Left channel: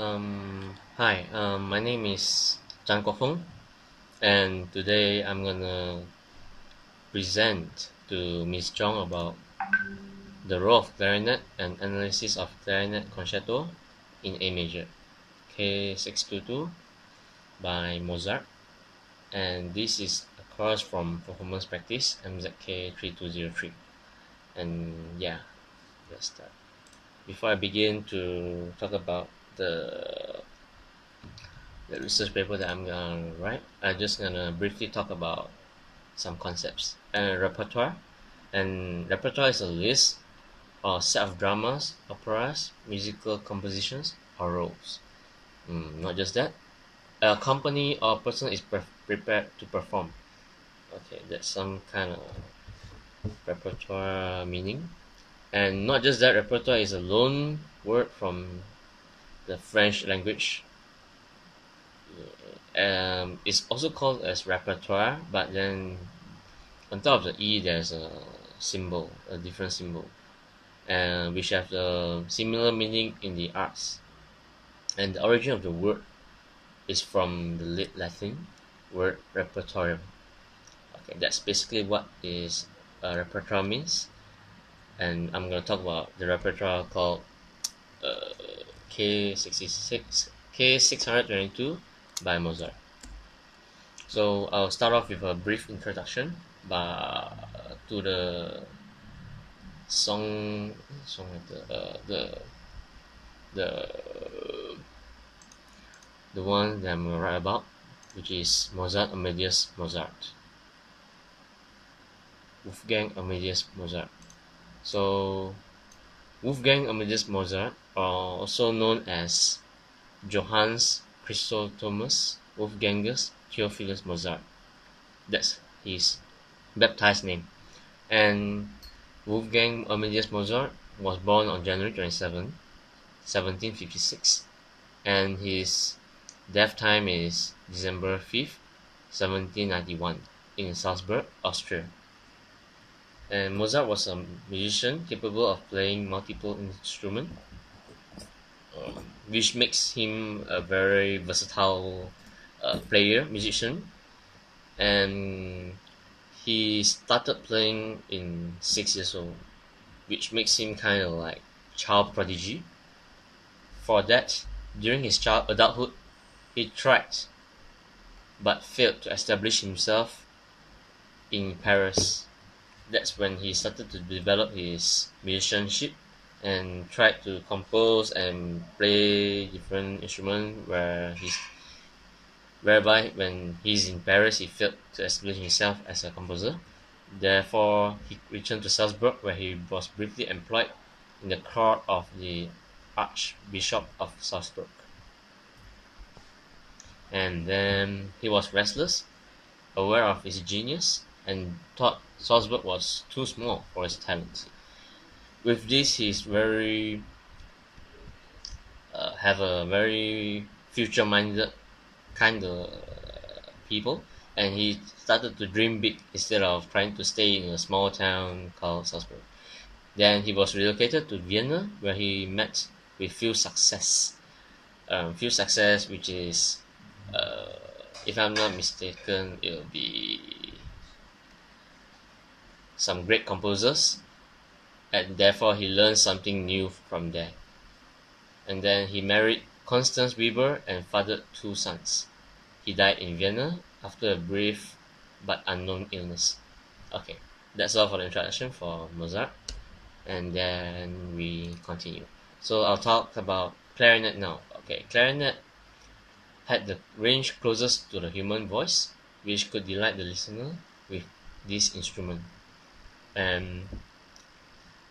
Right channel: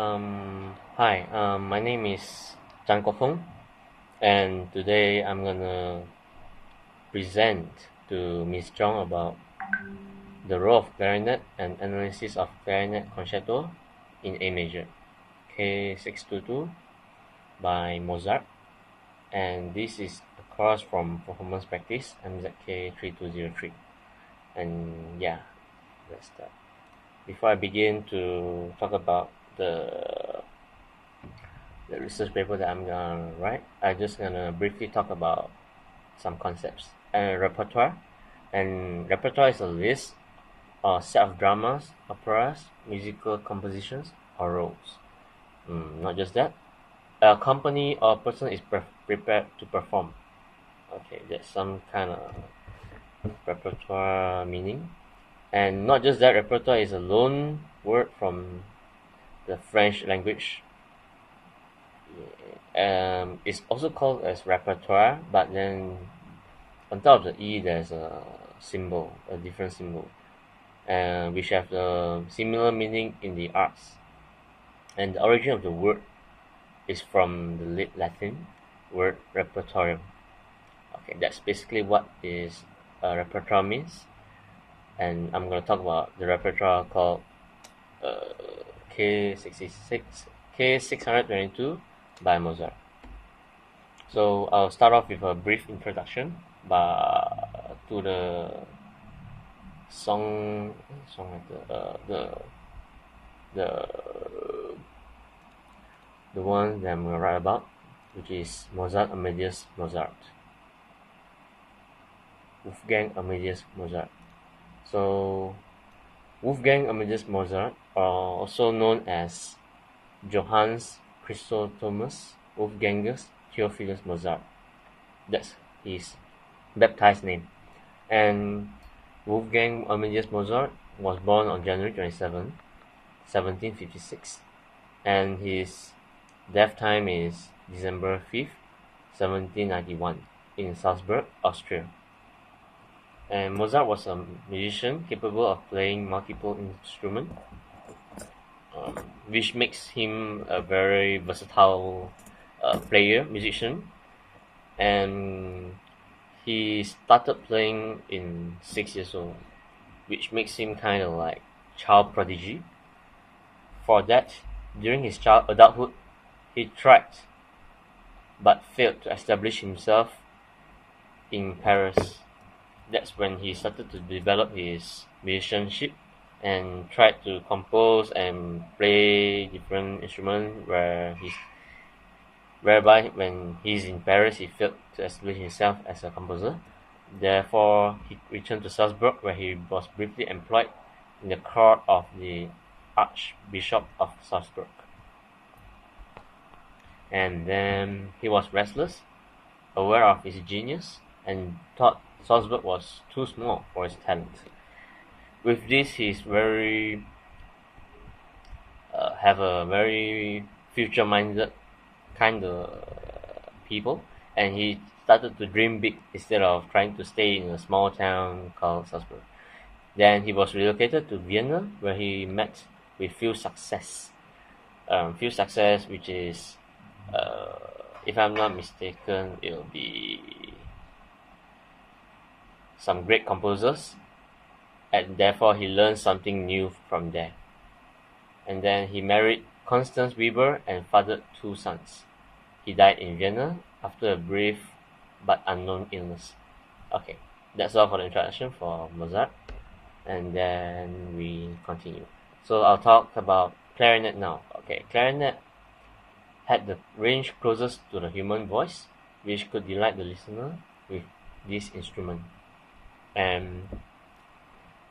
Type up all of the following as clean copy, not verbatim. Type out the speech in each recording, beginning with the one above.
Hi, my name is Feng, and today I'm gonna present to Ms.Chong about the role of clarinet and analysis of clarinet concerto in A major, K622 by Mozart, and this is a course from Performance Practice MZK3203. And yeah, let's start. Before I begin to talk about the research paper that I'm gonna write, I'm just gonna briefly talk about some concepts. Repertoire. And repertoire is a list or set of dramas, operas, musical compositions, or roles. Not just that. A company or person is prepared to perform. Okay, that's some kind of repertoire meaning. And not just that, repertoire is a loan word from the French language. It's also called as repertoire, but then on top of the E, there's a symbol, a different symbol, which have the similar meaning in the arts. And the origin of the word is from the late Latin word repertorium. Okay, that's basically what is a repertoire means. And I'm going to talk about the repertoire called uh, K622 by Mozart. So I'll start off with a brief introduction to song like the the one that I'm gonna write about, which is Mozart Amadeus Mozart, Wolfgang Amadeus Mozart. So Wolfgang Amadeus Mozart, also known as Johannes Chrysostomus Wolfgangus Theophilus Mozart. That's his baptized name. And Wolfgang Amadeus Mozart was born on January 27, 1756, and his death time is December 5th, 1791, in Salzburg, Austria. And Mozart was a musician capable of playing multiple instruments, which makes him a very versatile musician. And he started playing in 6 years old, which makes him kind of like child prodigy. For that, during his adulthood, he tried but failed to establish himself in Paris. That's when he started to develop his musicianship and tried to compose and play different instruments whereby when he's in Paris he failed to establish himself as a composer. Therefore he returned to Salzburg, where he was briefly employed in the court of the Archbishop of Salzburg. And then he was restless, aware of his genius, and thought Salzburg was too small for his talent. With this, he's very have a very future-minded kind of people, and he started to dream big instead of trying to stay in a small town called Salzburg. Then he was relocated to Vienna, where he met with few success, which is, uh, if I'm not mistaken, it'll be some great composers, and therefore he learned something new from there. And then he married Constance Weber and fathered two sons. He died in Vienna after a brief but unknown illness. Okay, that's all for the introduction for Mozart, and then we continue. So I'll talk about clarinet now. Okay, clarinet had the range closest to the human voice, which could delight the listener with this instrument. And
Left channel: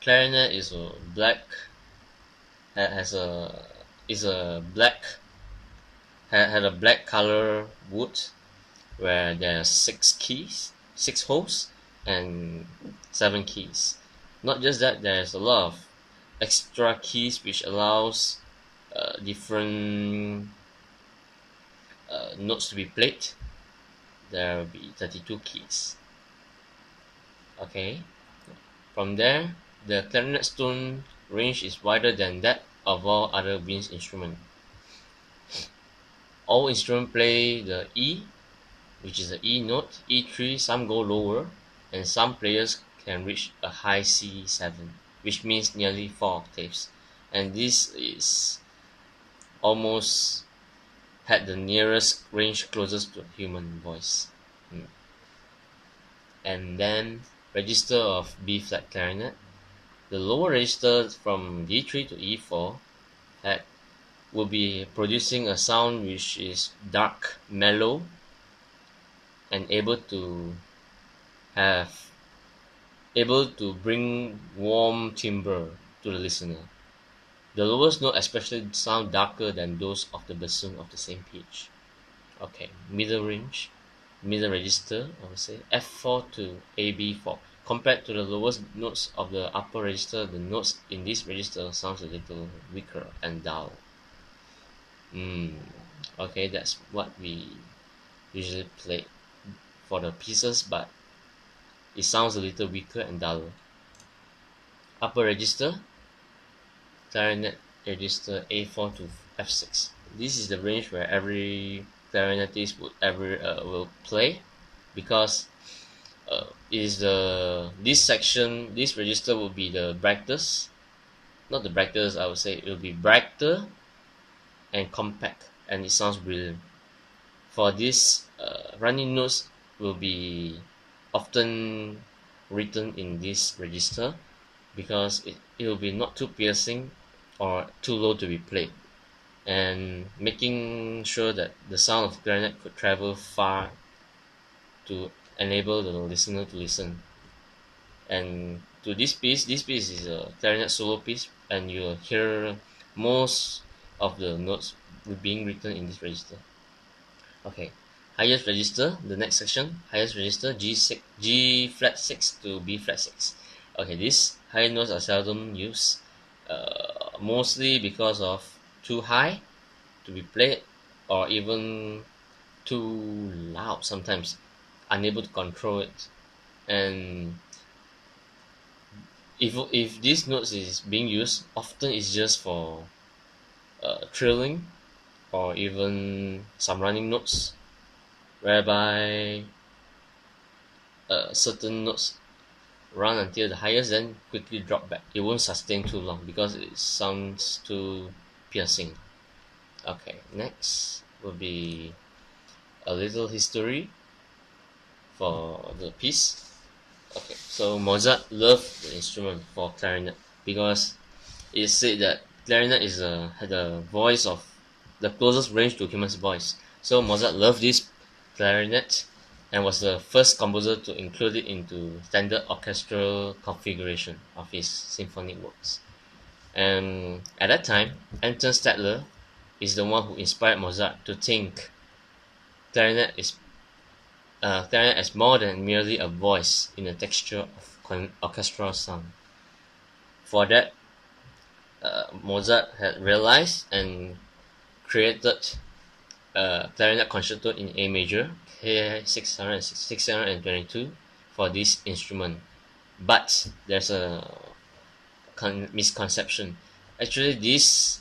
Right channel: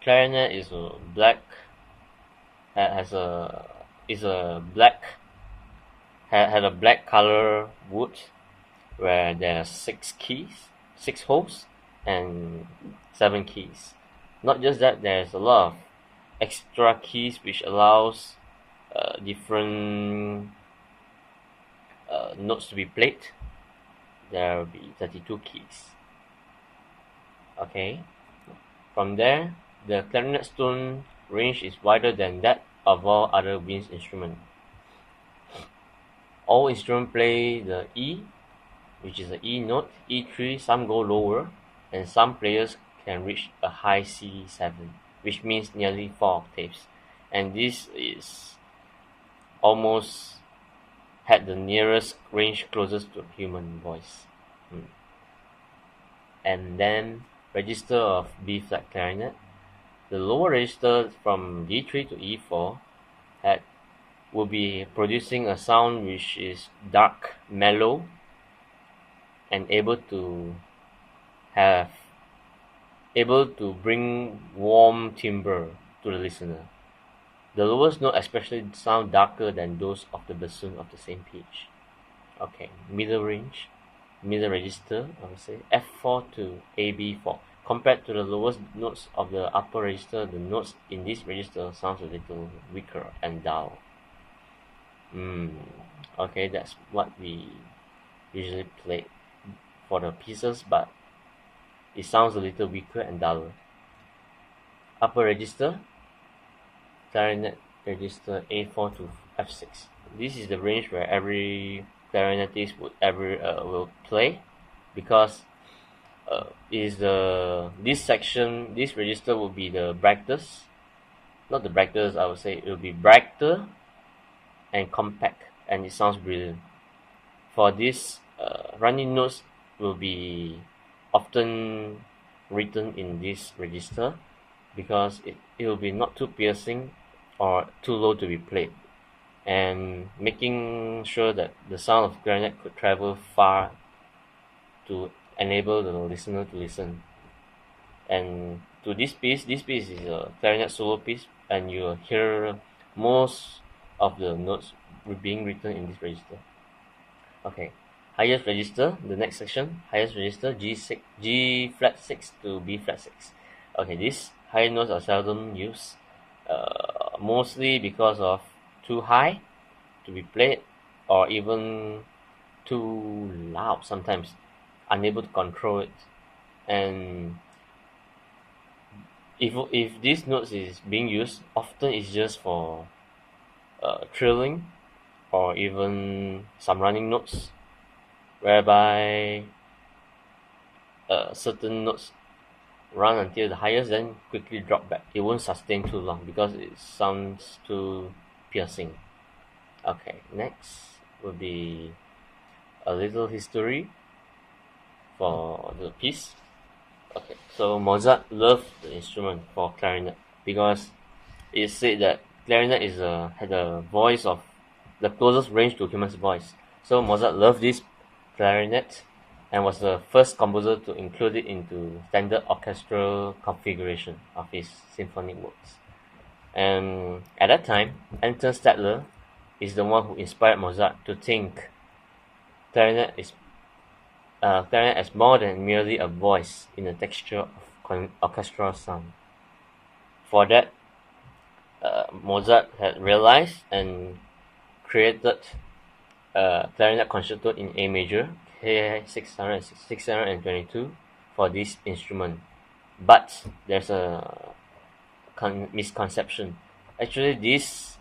clarinet is a black has a is a black had a black color wood where there are six holes, and seven keys. Not just that, there's a lot of extra keys which allows different notes to be played. There will be 32 keys. Okay. From there, the clarinet tone range is wider than that of all other wind instruments. All instruments play the E, which is the E note, E3, some go lower, and some players can reach a high C7, which means nearly 4 octaves. And this is almost had the nearest range closest to human voice. And then register of B flat clarinet. The lower register from D3 to E4 had will be producing a sound which is dark, mellow, and have able to bring warm timbre to the listener. The lowest note especially sound darker than those of the bassoon of the same pitch. Okay, middle range, middle register, I would say F4 to AB4. Compared to the lowest notes of the upper register, the notes in this register sounds a little weaker and dull. Okay, that's what we usually play for the pieces, but it sounds a little weaker and duller. Upper register, clarinet register A4 to F6. This is the range where every clarinetist would ever will play, because is the this register will be the brightest, not the brightest, I would say it will be brighter and compact, and it sounds brilliant. For this, running notes will be often written in this register because it will be not too piercing or too low to be played, and making sure that the sound of clarinet could travel far to enable the listener to listen. And to this piece is a clarinet solo piece, and you'll hear most of the notes being written in this register. Okay, highest register, the next section, highest register G6, G flat 6 to B flat 6. Okay, these high notes are seldom used, mostly because of too high to be played, or even too loud sometimes, unable to control it. And if these notes is being used, often it's just for trilling or even some running notes, whereby certain notes run until the highest, then quickly drop back. It won't sustain too long because it sounds too piercing. Okay, next will be a little history for the piece. Okay, so Mozart loved the instrument for clarinet because it said that clarinet had a voice of the closest range to human's voice. So Mozart loved this clarinet and was the first composer to include it into standard orchestral configuration of his symphonic works. And at that time, Anton Stadler is the one who inspired Mozart to think clarinet is clarinet as more than merely a voice in the texture of orchestral sound. For that, Mozart had realized and created a clarinet concerto in A major, K622, for this instrument. But there's a misconception. Actually, this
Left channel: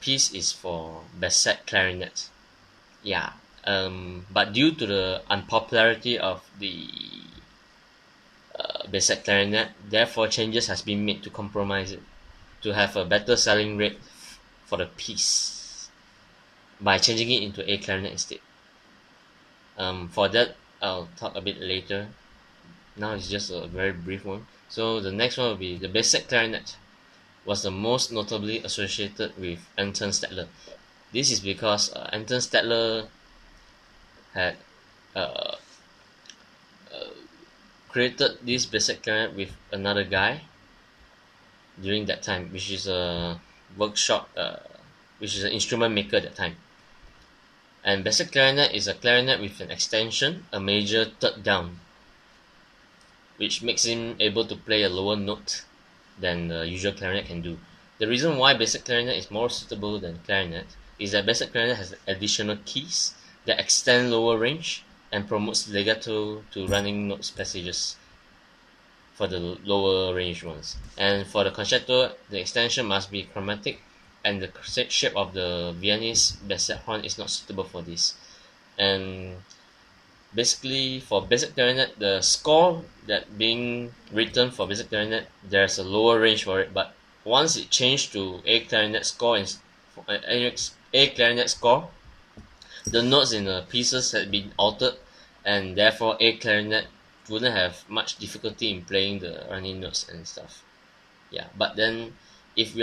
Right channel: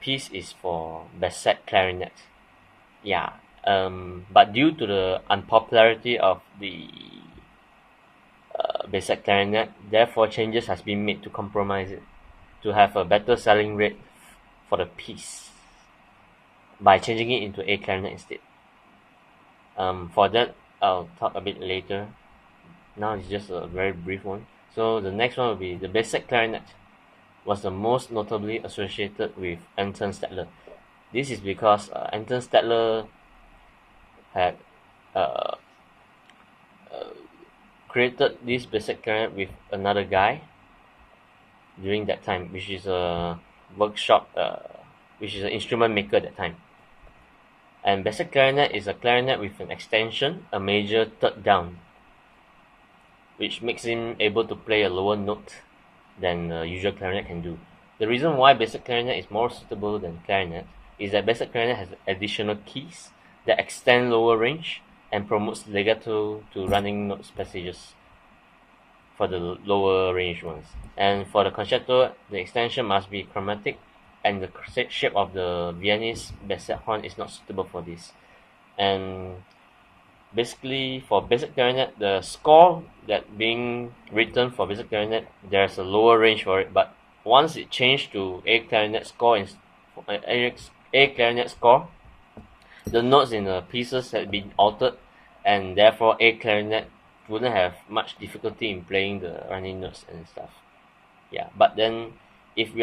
piece is for Basset clarinet. Yeah, but due to the unpopularity of the Basset clarinet, therefore changes has been made to compromise it, to have a better selling rate for the piece by changing it into A clarinet instead. For that, I'll talk a bit later. Now it's just a very brief one. So the next one will be the Basset clarinet was the most notably associated with Anton Stadler. This is because Anton Stadler had uh, created this Basset clarinet with another guy during that time, which is a workshop, which is an instrument maker at that time. And Basset clarinet is a clarinet with an extension, a major third down, which makes him able to play a lower note than the usual clarinet can do. The reason why Basset clarinet is more suitable than clarinet is that Basset clarinet has additional keys that extend lower range and promotes legato to running notes passages for the lower range ones. And for the concerto, the extension must be chromatic and the shape of the Viennese basset horn is not suitable for this. And basically, for basic clarinet, the score that being written for basic clarinet, there's a lower range for it. But once it changed to A clarinet score, A clarinet score, the notes in the pieces had been altered, and therefore A clarinet wouldn't have much difficulty in playing the running notes and stuff. Yeah, but then if we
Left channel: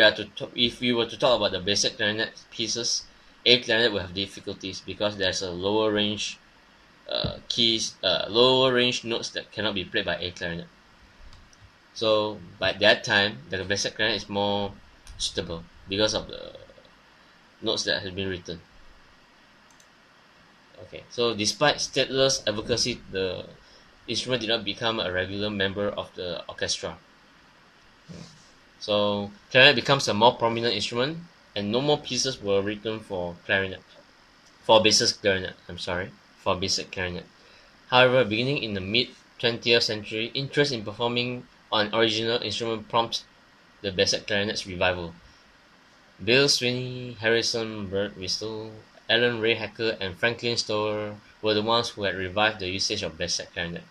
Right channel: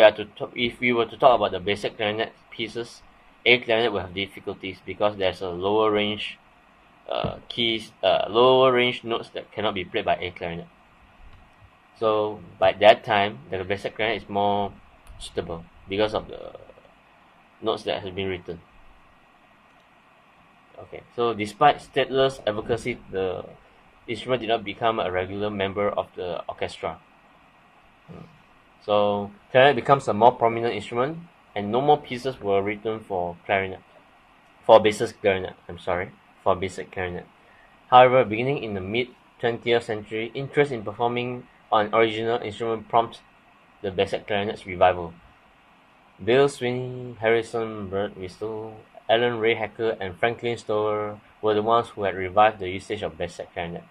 were to talk about the basic clarinet pieces, A clarinet will have difficulties because there's a lower range lower range notes that cannot be played by A clarinet. So by that time, the basic clarinet is more suitable because of the notes that have been written. Okay, so despite Stadler's advocacy, the instrument did not become a regular member of the orchestra. So clarinet becomes a more prominent instrument, and no more pieces were written for clarinet. For basic clarinet, I'm sorry, for basic clarinet. However, beginning in the mid-20th century, interest in performing on original instrument prompted the basic clarinet's revival. Bill Sweeney, Harrison Birtwistle, Alan Ray Hacker, and Franklin Stower were the ones who had revived the usage of basic clarinet,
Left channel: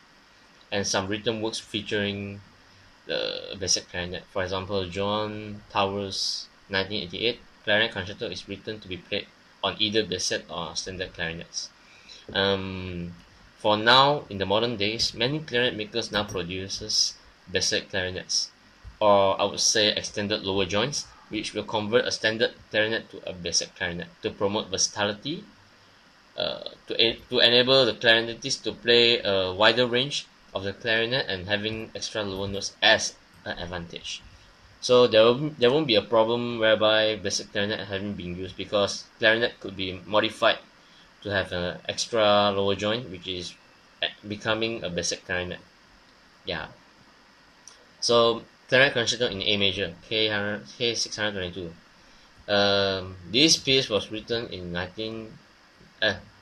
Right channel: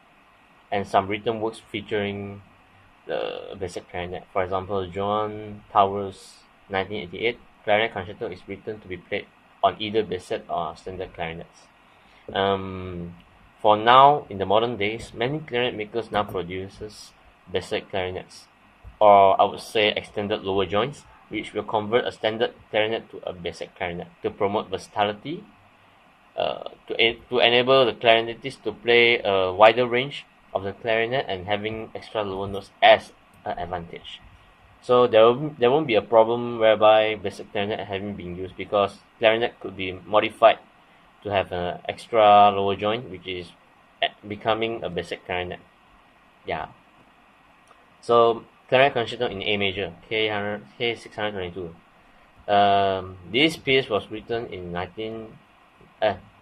and some written works featuring the basic clarinet. For example, John Towers' 1988 clarinet concerto is written to be played on either basset or standard clarinets. Um, for now, in the modern days, many clarinet makers now produces basset clarinets, or I would say extended lower joints, which will convert a standard clarinet to a basset clarinet to promote versatility, to enable the clarinetist to play a wider range of the clarinet and having extra lower notes as an advantage. So there won't be a problem whereby basic clarinet having been used because clarinet could be modified to have an extra lower joint, which is becoming a basic clarinet. Yeah. So clarinet concerto in A major, K622. This piece was written in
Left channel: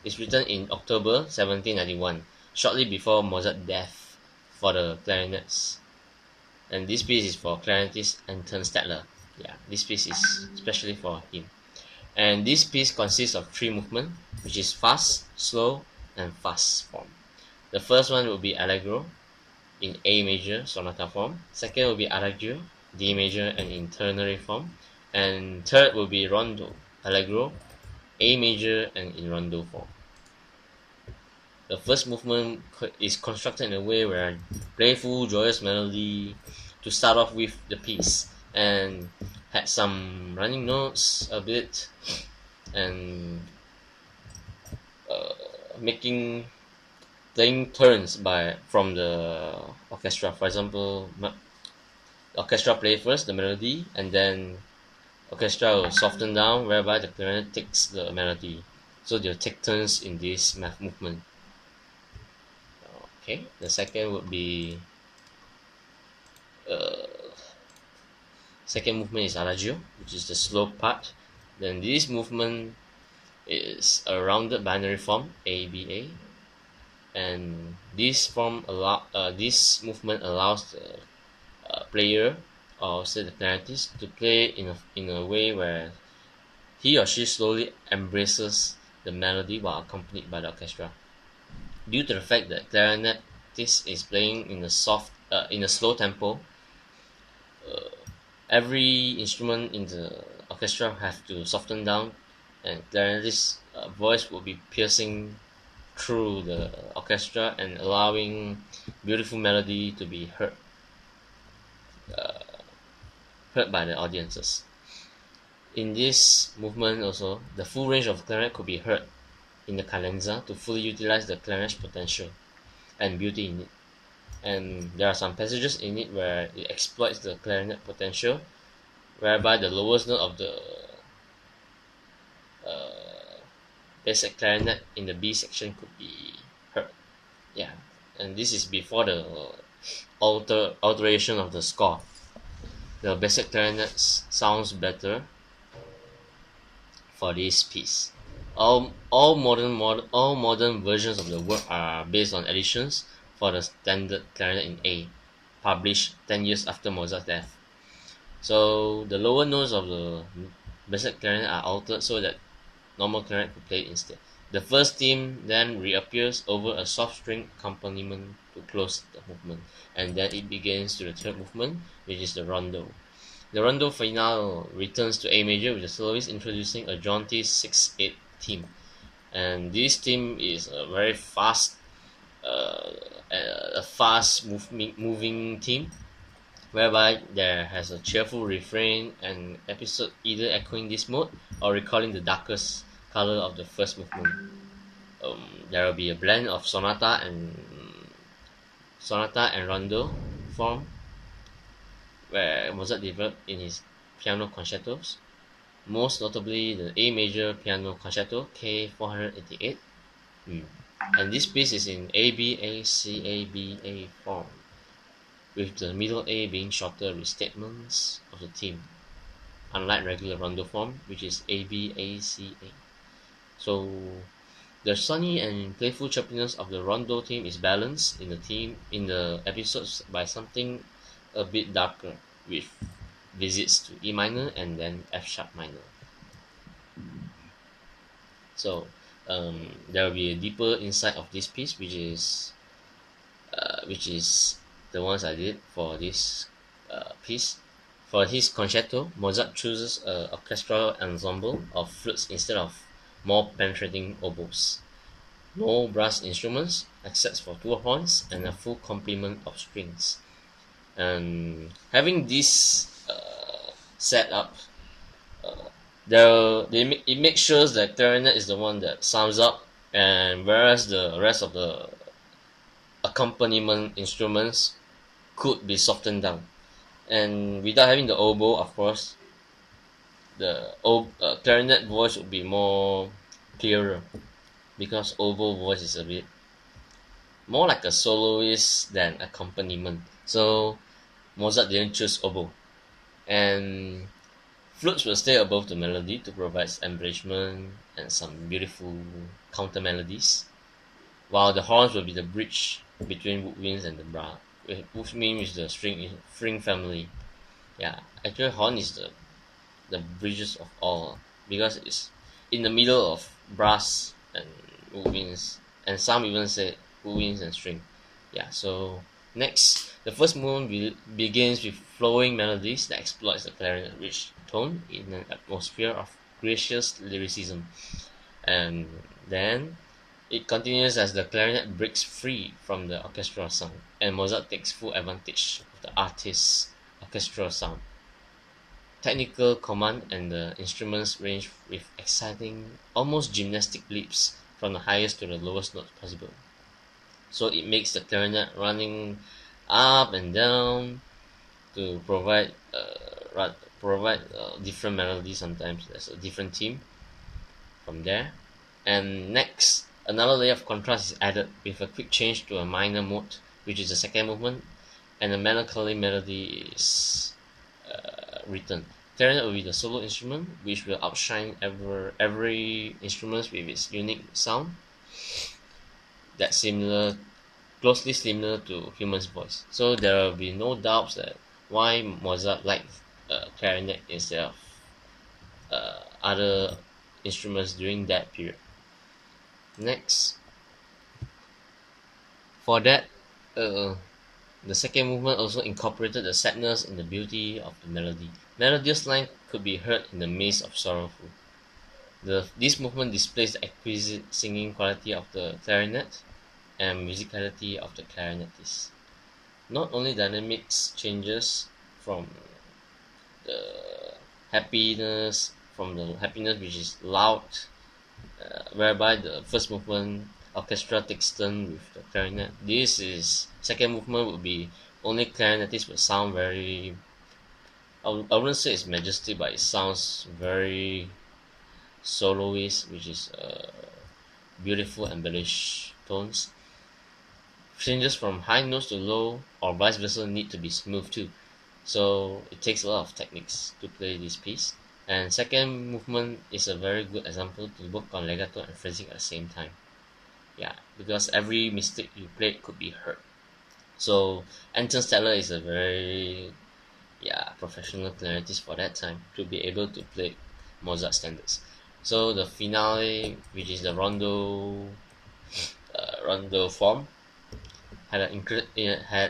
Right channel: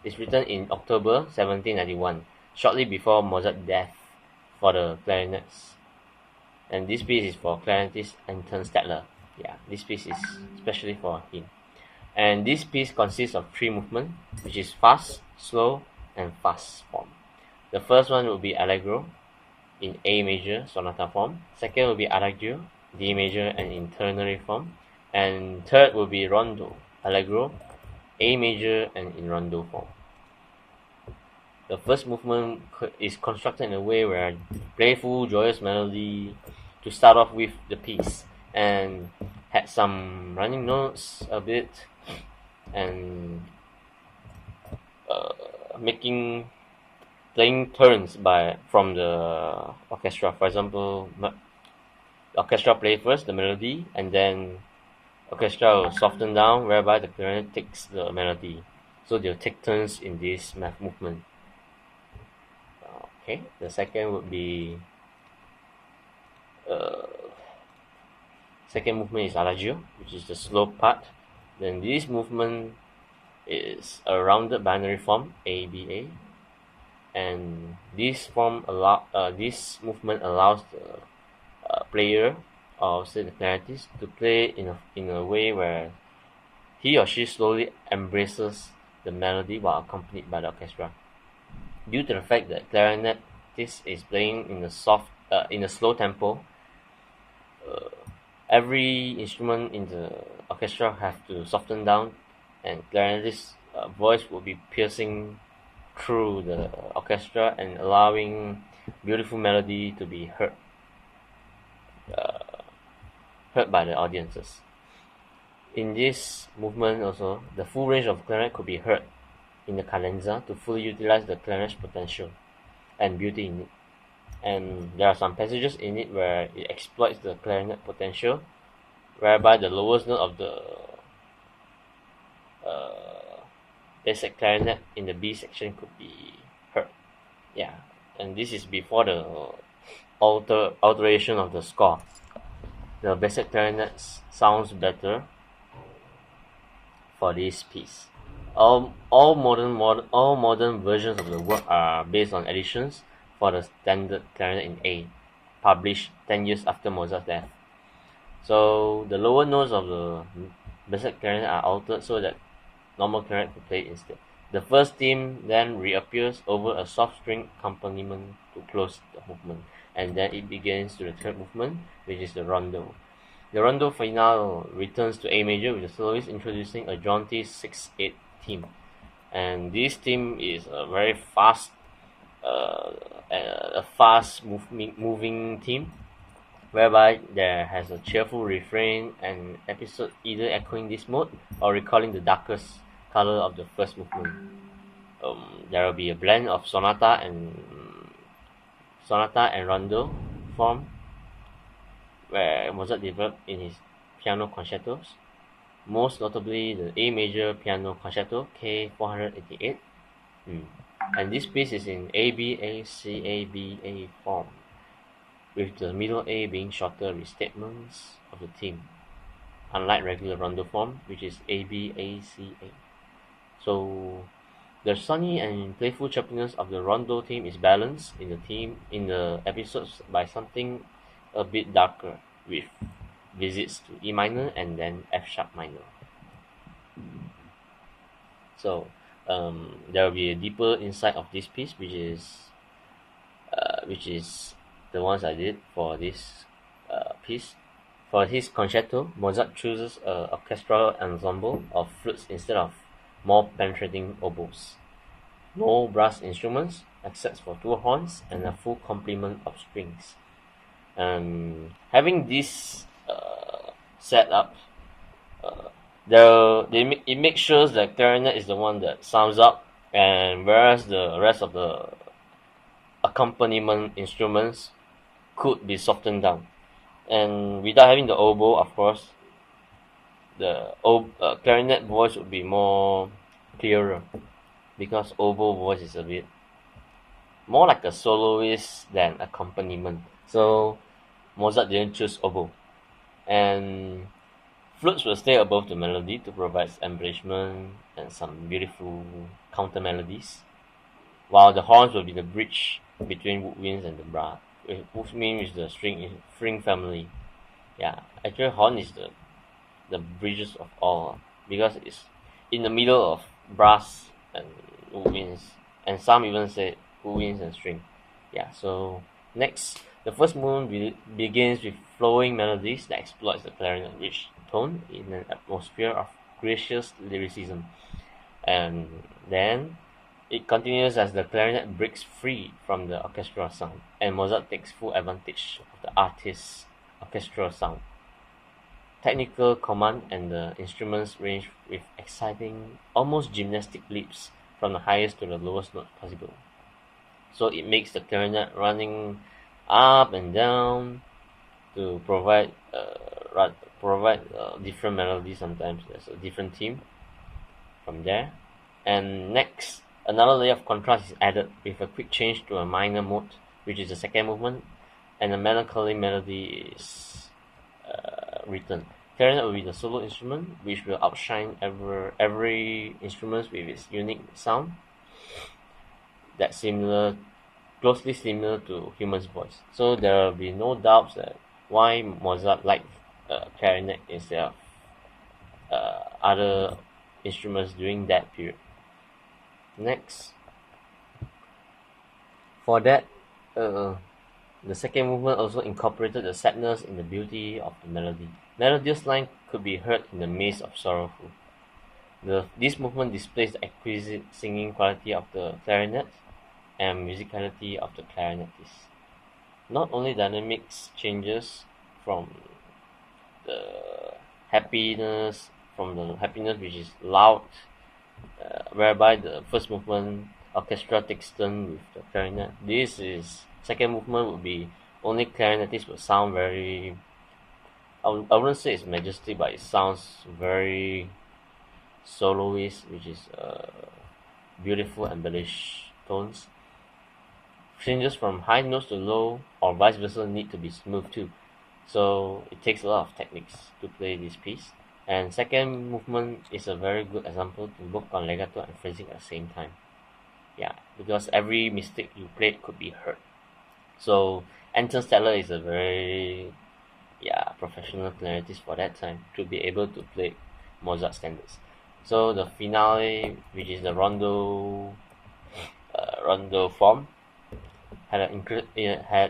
it's written in October 1791, shortly before Mozart's death for the clarinets. And this piece is for clarinetist Anton Stadler. Yeah, this piece is especially for him. And this piece consists of three movements, which is fast, slow, and fast form. The first one will be Allegro in A major sonata form. Second will be Adagio, D major and in ternary form. And third will be Rondo, Allegro, A major and in Rondo form. The first movement is constructed in a way where playful, joyous melody to start off with the piece and had some running notes a bit and making playing turns by from the orchestra. For example, the orchestra play first the melody, and then orchestra will soften down, whereby the clarinet takes the melody. So they'll take turns in this movement. Okay, the second would be second movement is Adagio, which is the slow part. Then this movement is a rounded binary form ABA, and this movement allows the player or say the clarinetist to play in a way where he or she slowly embraces the melody while accompanied by the orchestra. Due to the fact that clarinetist is playing in a slow tempo, every instrument in the orchestra have to soften down, and clarinetist's voice will be piercing through the orchestra and allowing beautiful melody to be heard by the audiences. In this movement also, the full range of clarinet could be heard in the cadenza to fully utilize the clarinet's potential and beauty in it. And there are some passages in it where it exploits the clarinet potential, whereby the lowest note of the basic clarinet in the B section could be heard. Yeah, and this is before the alteration of the score. The basic clarinet sounds better for this piece. All modern versions of the work are based on editions for the standard clarinet in A, published 10 years after Mozart's death. So the lower notes of the basic clarinet are altered so that normal clarinet could play instead. The first theme then reappears over a soft string accompaniment to close the movement, and then it begins to the third movement, which is the rondo. The rondo finale returns to A major with the soloist introducing a jaunty 6/8 theme, and this theme is a very fast, uh, a fast moving theme, whereby there has a cheerful refrain and episode either echoing this mode or recalling the darkest color of the first movement. There will be a blend of sonata and rondo form where Mozart developed in his piano concertos, most notably the A major piano concerto K 488. Mm. And this piece is in ABACABA form, with the middle A being shorter restatements of the theme, unlike regular rondo form, which is ABACA. So the sunny and playful chirpiness of the rondo theme is balanced in the episodes by something a bit darker, with visits to E minor and then F sharp minor. So there will be a deeper insight of this piece, which is the ones I did for this piece. For his concerto, Mozart chooses an orchestral ensemble of flutes instead of more penetrating oboes. No brass instruments except for two horns and a full complement of strings. And having this set up, it makes sure that clarinet is the one that sounds up, and whereas the rest of the accompaniment instruments could be softened down. And without having the oboe, of course, the clarinet voice would be more clearer, because oboe voice is a bit more like a soloist than accompaniment. So Mozart didn't choose oboe, and flutes will stay above the melody to provide embellishment and some beautiful counter melodies, while the horns will be the bridge between woodwinds and the brass. Woodwind is the string family. Yeah, actually horn is the bridges of all, because it's in the middle of brass and woodwinds, and some even say woodwinds and string. Yeah, so next, the first movement begins with flowing melodies that exploits the clarinet rich tone in an atmosphere of gracious lyricism, and then it continues as the clarinet breaks free from the orchestral sound, and Mozart takes full advantage of the artist's orchestral sound, technical command, and the instruments range with exciting, almost gymnastic leaps from the highest to the lowest notes possible. So it makes the clarinet running up and down to provide different melodies. Sometimes there's a different theme from there. And next, another layer of contrast is added with a quick change to a minor mode, which is the second movement, and a melancholy melody is written. Clarinet will be the solo instrument, which will outshine every instrument with its unique sound that closely similar to human's voice. So there will be no doubts that why Mozart liked clarinet instead of other instruments during that period. Next, for that, uh, the second movement also incorporated the sadness in the beauty of the melody. Melodious line could be heard in the midst of sorrowful. This movement displays the exquisite singing quality of the clarinet and musicality of the clarinetist. Not only dynamics changes from the happiness which is loud, whereby the first movement orchestra takes turn with the clarinet. This is second movement would be only clarinetist will sound very. I wouldn't say it's majestic, but it sounds very soloist, which is beautiful embellished tones. Changes from high notes to low or vice versa need to be smooth too. So it takes a lot of techniques to play this piece. And second movement is a very good example to work on legato and phrasing at the same time. Yeah, because every mistake you played could be heard. So Anton Stadler is a very professional clarinetist for that time to be able to play Mozart standards. So the finale, which is the rondo form, had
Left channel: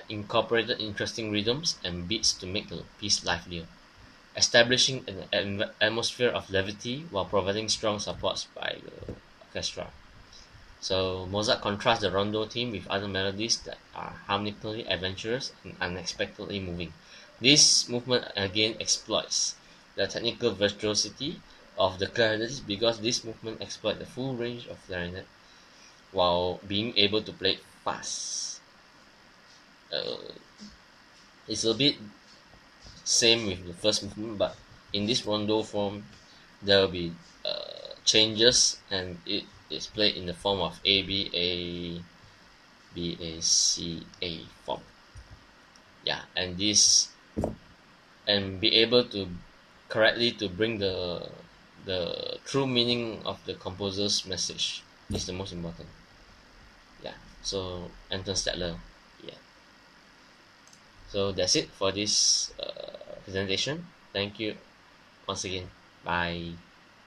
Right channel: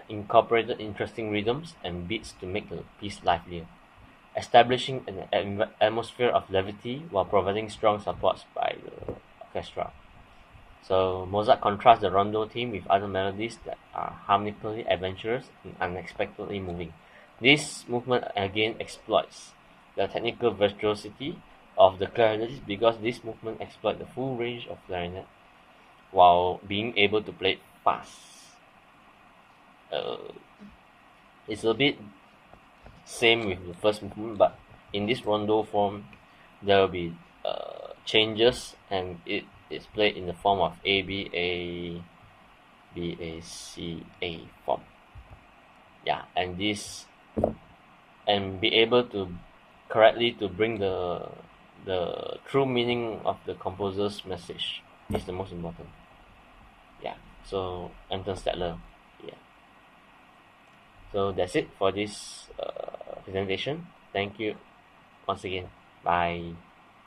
incorporated interesting rhythms and beats to make the piece livelier, establishing an atmosphere of levity while providing strong supports by the orchestra. So Mozart contrasts the rondo theme with other melodies that are harmonically adventurous and unexpectedly moving. This movement again exploits the technical virtuosity of the clarinetist because this movement exploits the full range of clarinet while being able to play it fast. Uh, it's a bit same with the first movement, but in this rondo form, there will be changes, and it is played in the form of ABAC form. Yeah, and this and be able to correctly to bring the true meaning of the composer's message is the most important. Yeah. So Anton Stadler. Yeah. So that's it for this presentation. Thank you once again. Bye.